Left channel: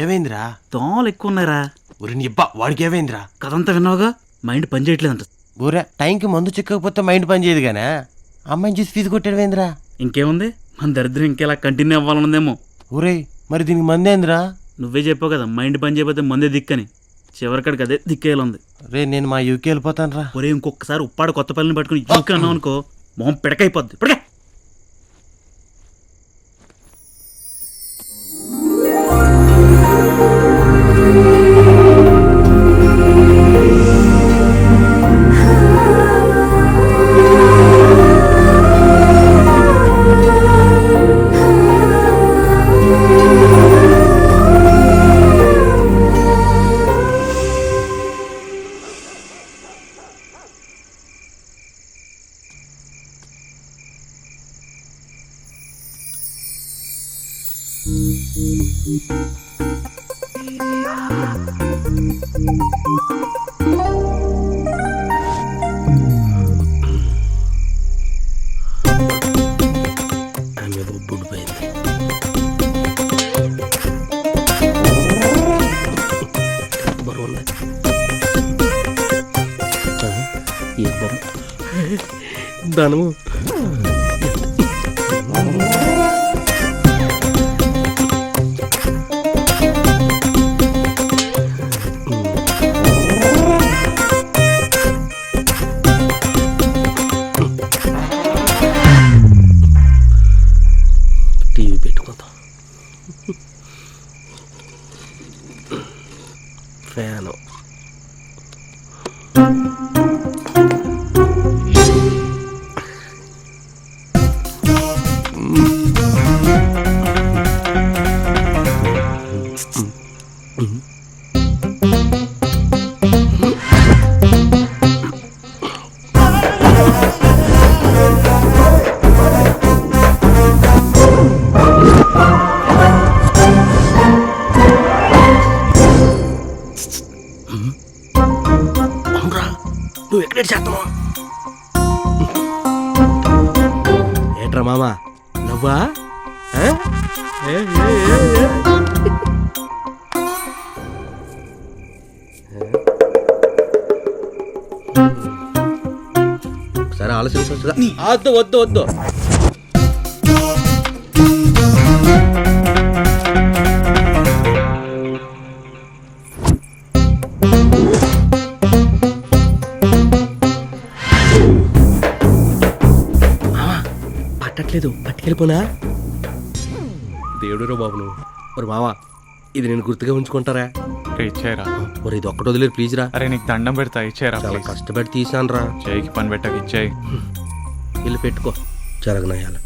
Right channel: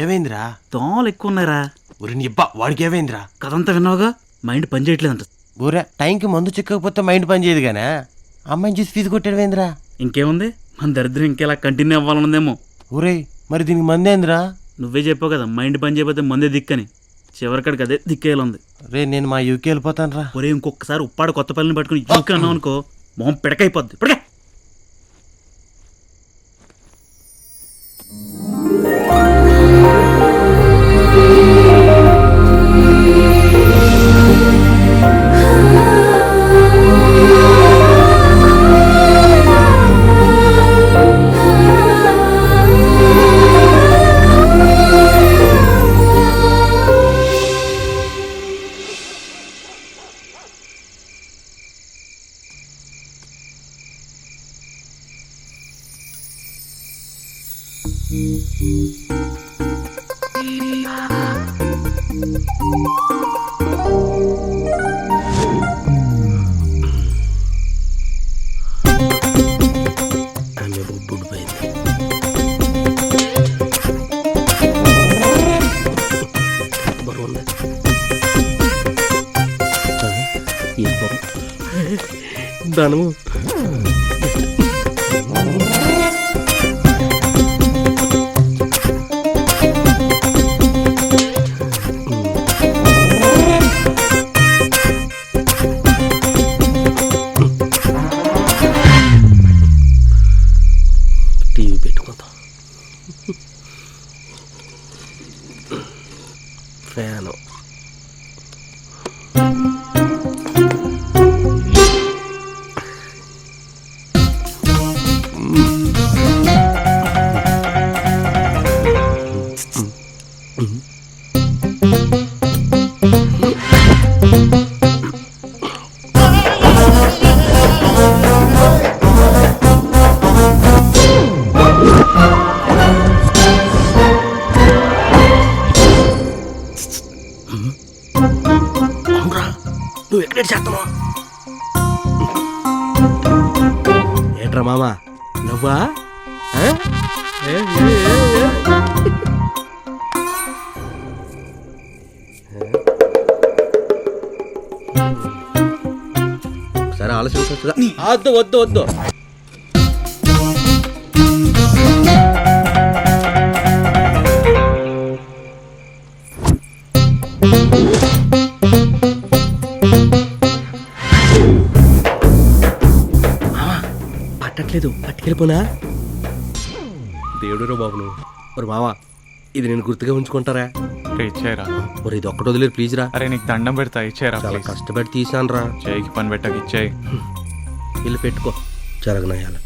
ఏమైందిరా? దోమలు ఎక్కువ ఉన్నాయిరా. ఊరి నీ అబ్బా వాడికి ఏమైందిరా? కథంతా విన్నావుగా, మైండ్ పని చేయట్లేదంట. ఊరే టైంకి మందు చిక్కకపోతే మైండ్ పని చేయదు గానే అమ్మాయిని చూసి ఫీజు కొట్టాడువేంద్రా? ఇంకేముంది, మన దరిద్రం ఇంకెలా కంటిన్యూ అవ్వాలన్నదేమో. ఊరే మరి దీనికి మందేంద్రా? నువ్వే చెప్పావు కదా మైండ్ పని చేయకపోతే మందే దిక్కని. చివరికాడికి అదే దిక్కేయాలంది. రే నేను మా యూకి వెళ్ళిపోతాను రా. ఒరే ఇంకొకసారి ఉప్పాడు కొత్త పల్లిని పట్టుకుని యూకి అన్నావు అనుకో, మొహం పిడకైపోద్ది. ఇప్పటికే ఆమె బొబ్బుడు పోయింది. బరువు ధనము టీవీ పెట్టుకుందాం. ఫ్యాను నువ్వు ఎక్కడ చేస్తున్నావా? ఏట్రా మామా నవ్వా? సరే ఆలోచించవచ్చుగా. వద్దు వద్దు వద్దు. పట్టట్లేదు, పట్టుకెళ్ళిపోనా? దేవుడు రో బాబు నువ్వు. మరి మావా ఇది నేను గుర్తుగా ఉంచుకుంటారా? ఇచ్చారా? మరి ఇది ఒక్కటి వదిలేదు ప్లీజ్ రా. అరే నీకు దండం పెడతా, ఇచ్చారా? చాలా కష్టపడి తీసాను రా. చేయికి పని పెట్టక ఇచ్చాయి. వెళ్ళి పెట్టుకో జరగనయ్యాల.